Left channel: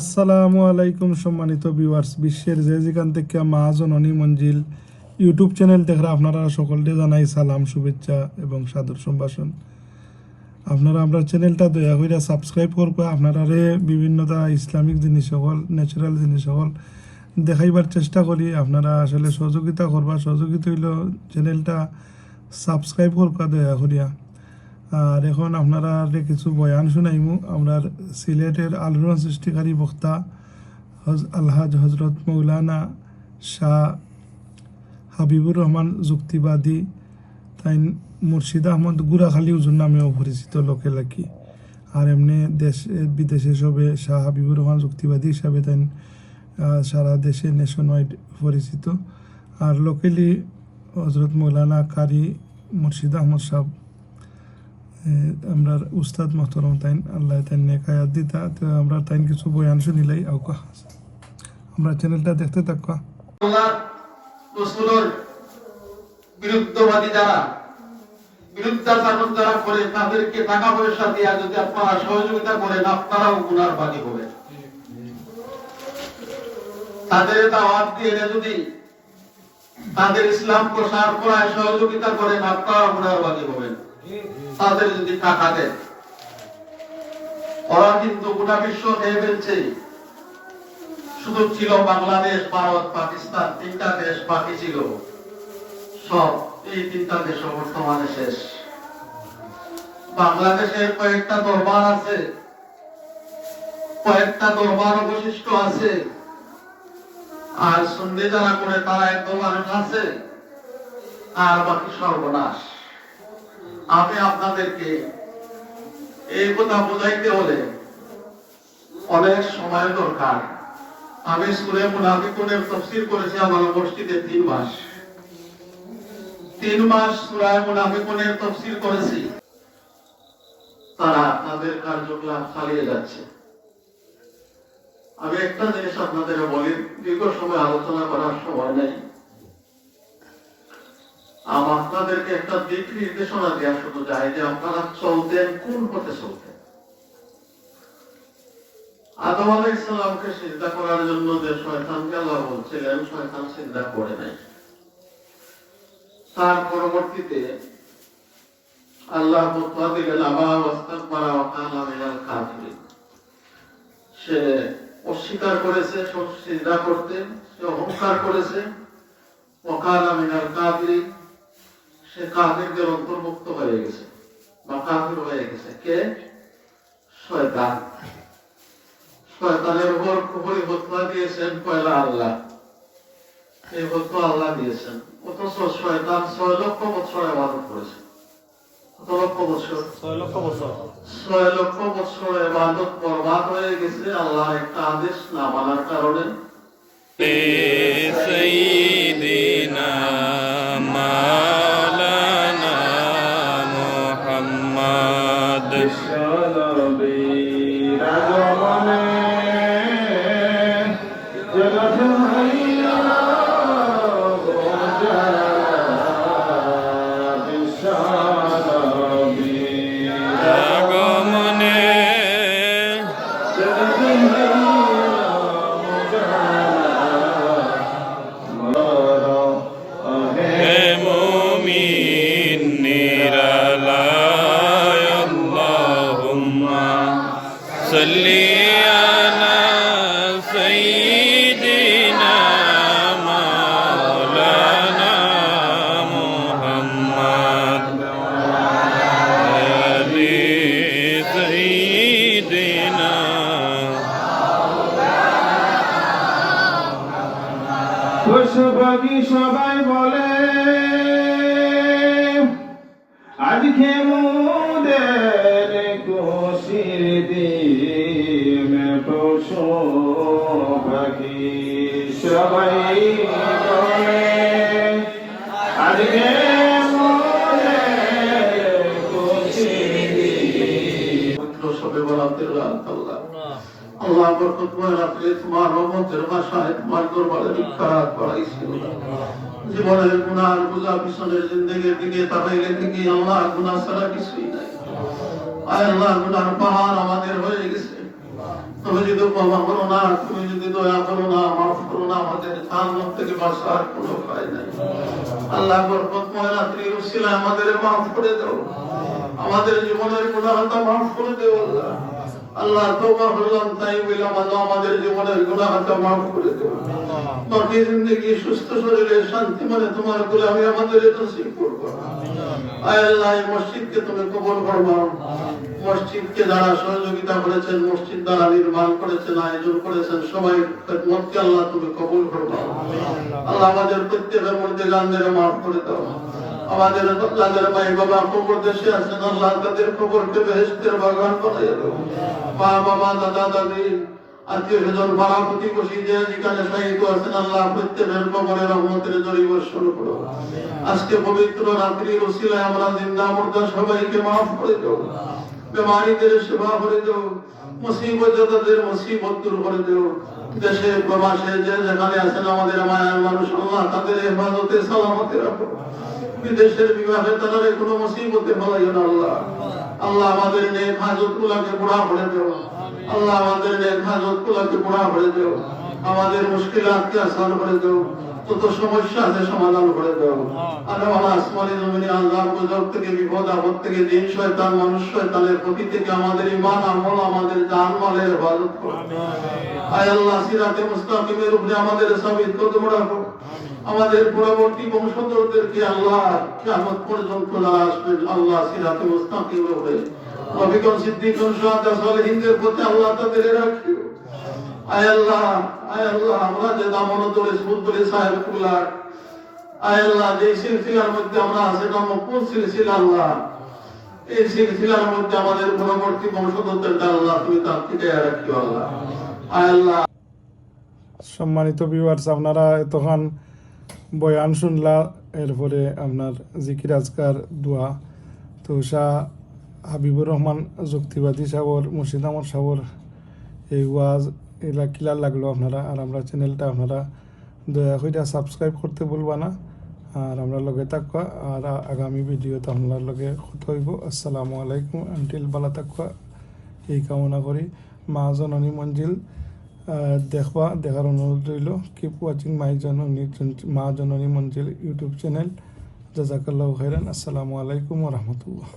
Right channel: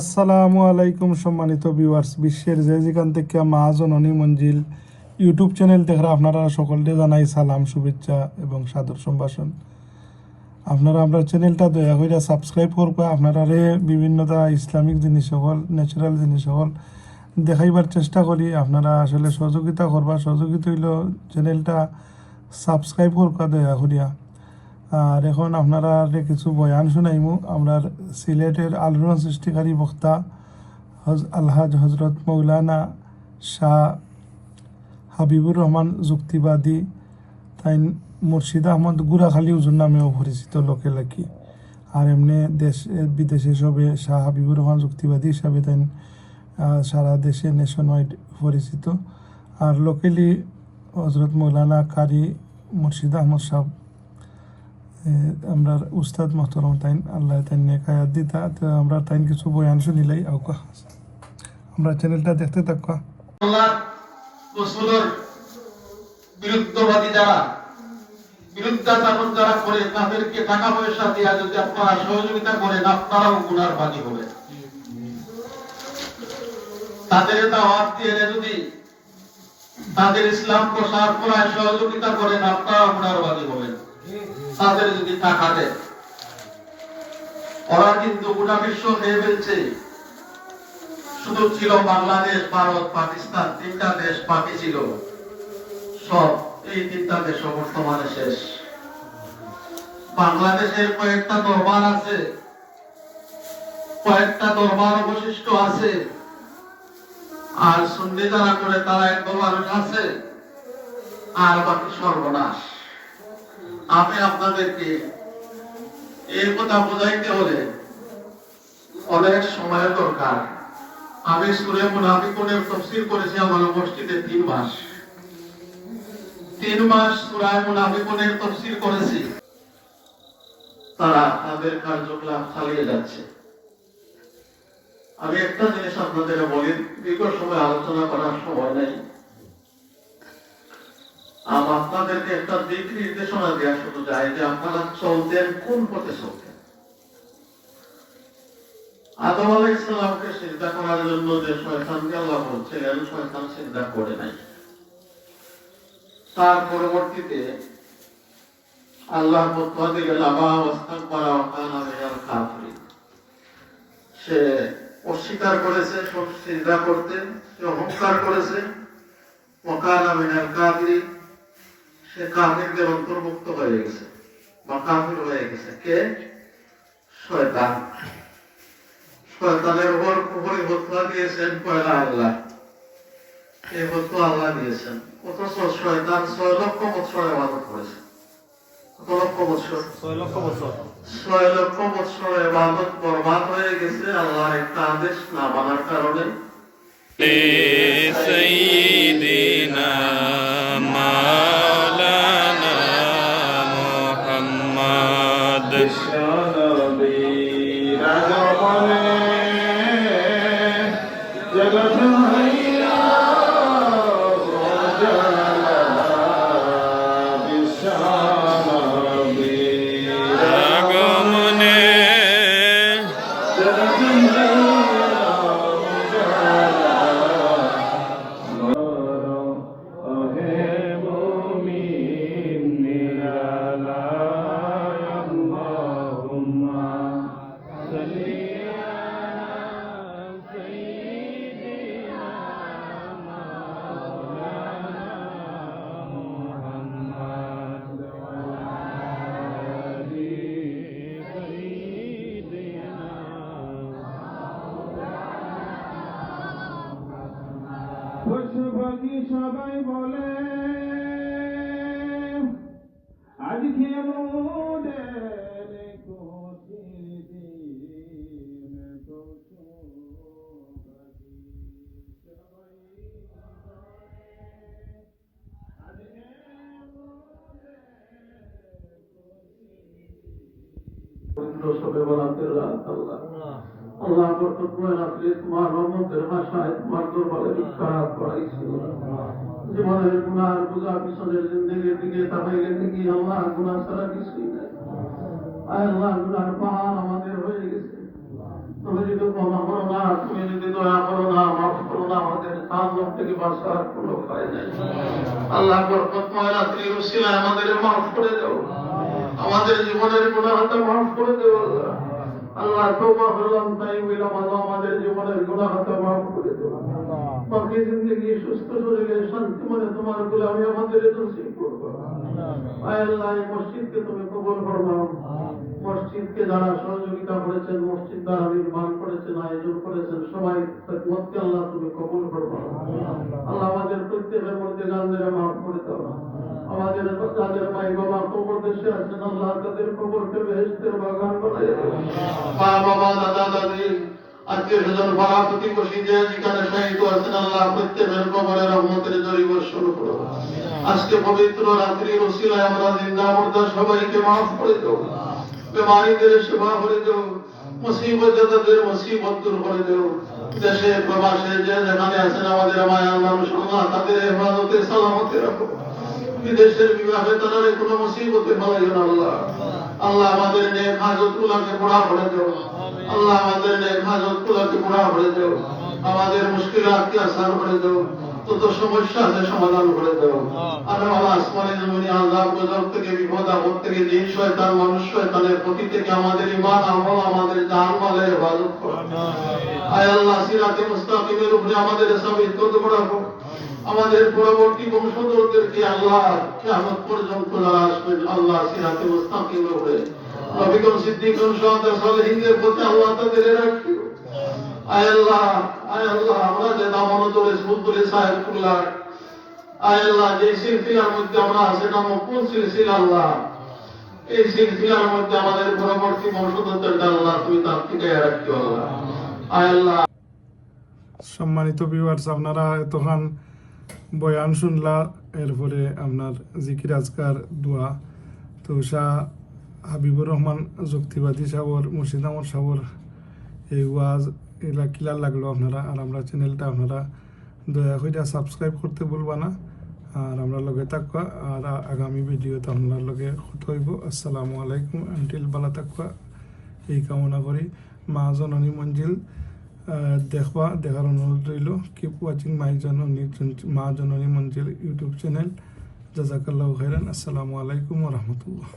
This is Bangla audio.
আসসালামু আলাইকুম সম্মানিত ভিউয়ার্স বিশ্বের যে যেখান থেকে মা জননী মঞ্জিল ইউটিউব চ্যানেল দেখে আপনারা সকলকে জানাই সালাম, শুভেচ্ছা এবং সাদর সম্ভাষণ। আপনারা আপনার চ্যানেলটা দয়া করে সাবস্ক্রাইব করবা, আপনারা বিভিন্নতা ইসলামিক জিনিস সকল ন্যাচারাল জিনিস সকল দেখাইবার চেষ্টা করি। আপনারা আসলে সহযোগিতা করবা, সহযোগিতা হইল চ্যানেলটা সাবস্ক্রাইব করবা দয়া করিয়া। আর এখন আপনারা কিছু বয়ান শুনাইমু। আমরা সিলেটের আলোড়ন সৃষ্টিকারী বক্তা হজ আলহাজ হজরত মৌলানা শাহ হাবিবুর রহমান যুক্তিবাদী তাই মুর্শিদ আহমদ গুড়াখালী উজুর নামেও পরিচিত লোকে লাকি আর এমনি দেশ বিদেশে সবে শাহ হাবিবুর রহমান যুক্তিবাদী হিসাবে তাই সারা দেশে নেশন ওয়াইড পরিচিত। আর লোকেলি হজরত মৌলানা কারি মুর্শিদ আহমদ সাহেব এ, আমরা উস্তাদ মোহতরম তাইন, আল্লাহ তাইন নেকায়াত দিতা। তো আমরা তাইন কিছু বয়ান শুনিলাই আউকা আমরা চ্যানেলটা দেখতে থাকা আল্লাহ বিরুদ্ধবাদী যারা বিরুদ্ধাচারণ যারা করে, তাদেরকে টাকা পয়সা দিয়া যদি আপনারা সহযোগিতা করেন, আপনারাও গুনার বাদী হবে। তাদের দাওয়াত দিয়ে যদি তাদের ইসলাম প্রসার করায় সহযোগিতা করেন আপনারা গুনার বাদী হবেন। তাদের যদি টাকা দেয় ওরা কিন্তু গোটা বিশ্ব নিয়ে ফেলছে। শুধু ছিল বাংলাদেশ, ভারত, পাকিস্তান, তিনটা দেশ বাকি ছিল। সব এই তিনটা দেশ বর্তমানে শেষ। বাংলাদেশের কয়েকটা দরবার আছে, কয়েকটা দরবার অবশিষ্ট আছে। আর সন্ধে যারা করে তারা একদম মানুষ আছে আর বাকি সর্বনাশ। আমি আপনাদেরকে এই কথা বোঝাইতে হলে অনেক সময় দরকার। আমি সুরে মুনাফিকুনের তফসির করেছি আমার মসজিদে তিন মাস। তিন মাস সুরায় মুনাফিকুনের তফসির করেছি। তারা তাদের কার্যকলাপ চালিয়ে যাচ্ছে। আমি একটা জিনিস আপনাদের বলি, দীর্ঘ সময় আলোচনা করার সময় নেই। আপনাদেরকে একটা দিক নির্দেশনা দেওয়া শুধু যায় যে আপনারা চলতেন, কোন পথে চলতেন আদম ইসলামকে চিন্তা করার জন্য যে বলছিলেন শয়তান চিন্তা করে নাই তার পরবর্তীতে আল্লাহ দিলেন কাফিরিন। সে অস্বীকার করেছে সব চিন্তা করতে সে অহংকার করেছে অকালা মিনাল কাফিরিন। সে কাফিরদের অন্তর্ভুক্ত হয়ে গেছে বা কাফির হয়ে গেছে কে শয়তান শয়তানের উপর কুফরি হত্যা দিয়েছেন পয়লা আল্লাহ এই হত্যা আল্লাহ দিয়েছেন অথচ শয়তান ছয় লক্ষ বছর এবাদত করেছে কত লক্ষ বছর ছয় লক্ষ বছর ছয় লক্ষ বছর এবাদত বরবাদ হয়ে গেছে আল্লাহর একটা আদেশ না মানার কারণে سيدنا পশুপাখি সবাই বলে আজকে মোদের খুশির দিন পশু সবাই বলে আজকে মোদের খুশির দিন আমাদের হয়ে গেছে। তুমি যদি ক্ষমা করো না, তুমি যদি দয়া করো না, মাফ করো না, আমাদের জাহান্নাম থেকে বাঁচার কোনো আল্লাহ আমাদের মাফ করে দাও। আমাদের জীবনের গুণাহটা মাফ করে দেও আল্লাহ। আল্লাহ তোবা করলাম তাই বললাম আল্লাহ আমাদের জীবনের গুণাহটা মাফ করে দেও বাকি জিন্দগি সুস্থ শরীরে শান্তি মানে তোমার গোলামি আমাদের নসিব করব। আয় আল্লাহ এই মসজিদকে তুমি কবুল করব। মসজিদকে যারা সহযোগিতা করেছেন মসজিদ দ্বারা নির্মাণ করেছেন আয়োজন করেছেন সবাই খেদমতকে আল্লাহ তুমি কবুল করব। আল্লাহ। আমাদের প্রত্যেকের মধ্যে গানদের মাফ করে দাও। আমাদের যাদের ভাই বাবা কবর দেশে আছেন আল্লাহ তাদের কবরকে বেহেস্তের বাগান দাও মা, বাবা, দাদা, দাদি আত্মীয় স্বজন পাড়া প্রতিবেশী যেখানে শহীদ আছেন, আল্লাহ প্রত্যেকের কবরে রহমতের জরি বর্ষণ করো। আজকে পবিত্র রাত্রির ওসিলায় আমরা জিন্দা মুর্দা সবাইকে মাফ করে দাও বেমারিদের সেবা করে দাও মুসিবত যাদের মুসিবত দূর করে দাও দেশে প্রবাসে যে যেখানে আছেন, আমাদের মায়ার মানুষ, আল্লাহ তাদের হেফাজতে সালামতে রাখো। বিদেশের বিবাহে তারা কোনো মুসিবতে ফলাইও না আল্লাহ। আল্লাহ আমাদের নেক হাজত গুলাকে পুরা করে দেও। আল্লাহ আমাদের নেক হাজত গুলাকে পুরা করে দেও। আমাদের মুশকিলাতকে আসান করে দেও। তত সমস্যা আছে সমাধান করে দেও। আর আল্লাহ আসমানি জমিনে আল্লাহ গজব থেকে বিপদ, আপদ থেকে দিন শয়তান, মানুষ শয়তানের প্রতি থেকে আমাদের ইমান আমল, আমাদের জান, মালের হেফাজত করো। আয় আল্লাহ, সিরাতে মুস্তাকিমের উপরে আমাদের সাবিত কদম রাখো আমাদের পরবর্তী বংশধরদেরকে আল্লাহ কিয়ামত পর্যন্ত আসবেন আল্লাহ সিরাতে শাহাদা সালেহিনদের প্রতি আল্লাহ তাদের আয় আল্লাহ আয় আল্লাহ, আমরা যে আয় আল্লাহ, যে সিলসিলার মধ্যে আমরা আছে, এটা কোন সিলসিলা আল্লাহ? এই সিলসিলার মধ্যে আমাদের পরবর্তী আল্লাহ, তুমি তার থেকে আল্লাহ। আয় আল্লাহ। সম্মানিত ভিউয়ার্স আপনারা এতক্ষণ বয়ান শুনলা, এরপরে আপনার জিকির আজকার, দোয়া। তো শাহ হাবিবুর রহমান, যুক্তিবাদী সাবর মুর্শিদ আহমদ সাবর এই ওয়াজ, এগুলা কিলার লাগল আপনারা। আর আমরা চ্যানেলটা আপনারা দয়া করে সাবস্ক্রাইব করতে বলবা না। আর আমরা লগে থাকবা, আর আগামী ভিডিওতে আপনার লগে কথা হইব। আসসালামু আলাইকুম আন্টিল বালা থাকবা। এই কামনা করি। মা জননী মঞ্জিল। দেখবা, দেখার অনুরোধ রইল। কিপ ওয়াচিং মাই জননী মা জননী মঞ্জিল ইউটিউব চ্যানেল। জাজাকাল্লাহ খাইরান আসসালামু আলাইকুম রহমতুল্লাহ।